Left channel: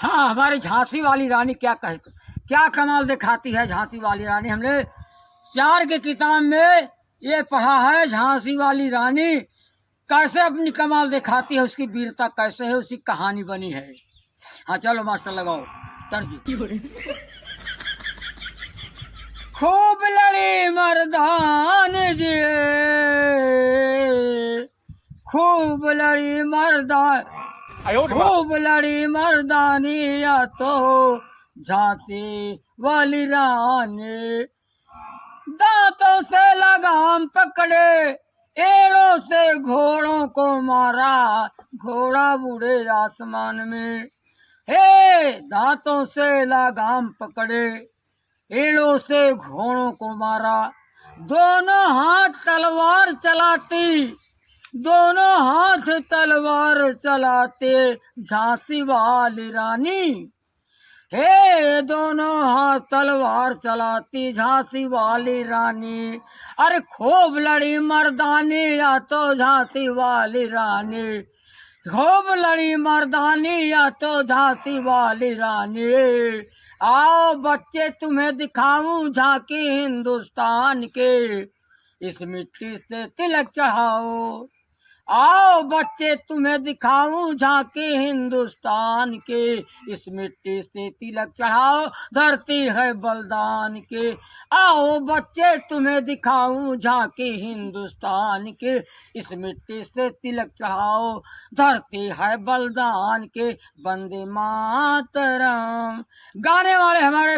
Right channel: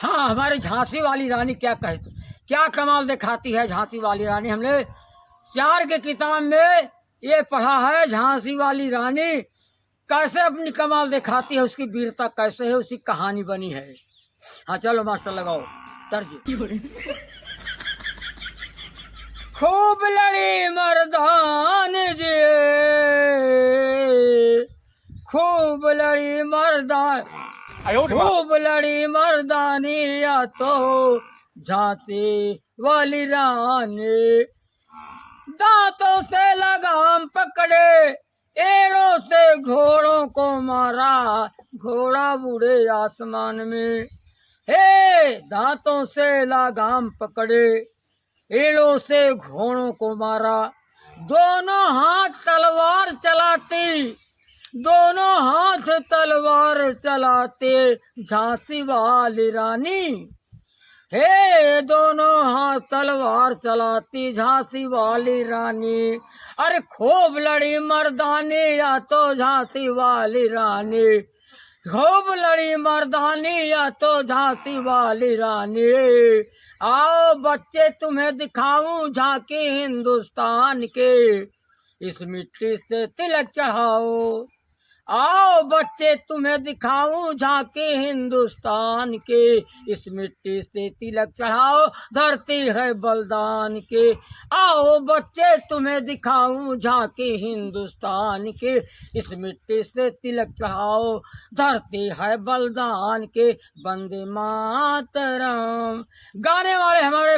हाँ, हमारी झांसी वाली रानी क्या कहती, क्या कमाल दिखाती है झांसी वाली रानी। हमने 4 के किताब में ये पढ़ा है, झांसी वाली रानी कैसे अपनी कमाल दिखाती है, उसकी वीरता कैसे है, उसकी कहानी बनी है। हाँ चलो मास्टर लगाओ तर्ज। खूब लड़ी मर्दान जी, खूब लड़ी मर्दान, खूब लड़ी मर्दानी या तो झांसी वाली रानी। दांतों से लगाम पकड़े, एड़ों से घोड़ों को मारा, घोड़ा बूढ़े आसमान में। हे दांतों से लगाम पकड़े, एड़ों से घोड़ों को मारा, दोनों हाथ तलवार चलाती, दोनों हाथ तलवार चलाते झांसी वाली रानी। हे दोनों हाथ तलवार चलाती झांसी वाली रानी। अरे खूब लड़ी मर्दानी या तो झांसी वाली रानी, खूब लड़ी मर्दानी या तो झांसी वाली रानी। आओ बच्चे तुम्हें दिखाऊं झांकी हिंदुस्तान के, इस मिट्टी से तिलक चढ़ाओ। आओ बच्चे तुम्हें दिखाऊं झांकी हिंदुस्तान के, इस मिट्टी से तिलक चढ़ाओ, धरती है बलिदान के। आओ बच्चे तुम्हें दिखाऊं झांकी हिंदुस्तान के, इस मिट्टी से तिलक चढ़ाओ, धरती है बलिदान के। वंदे मातरम। गाने वाले हमारे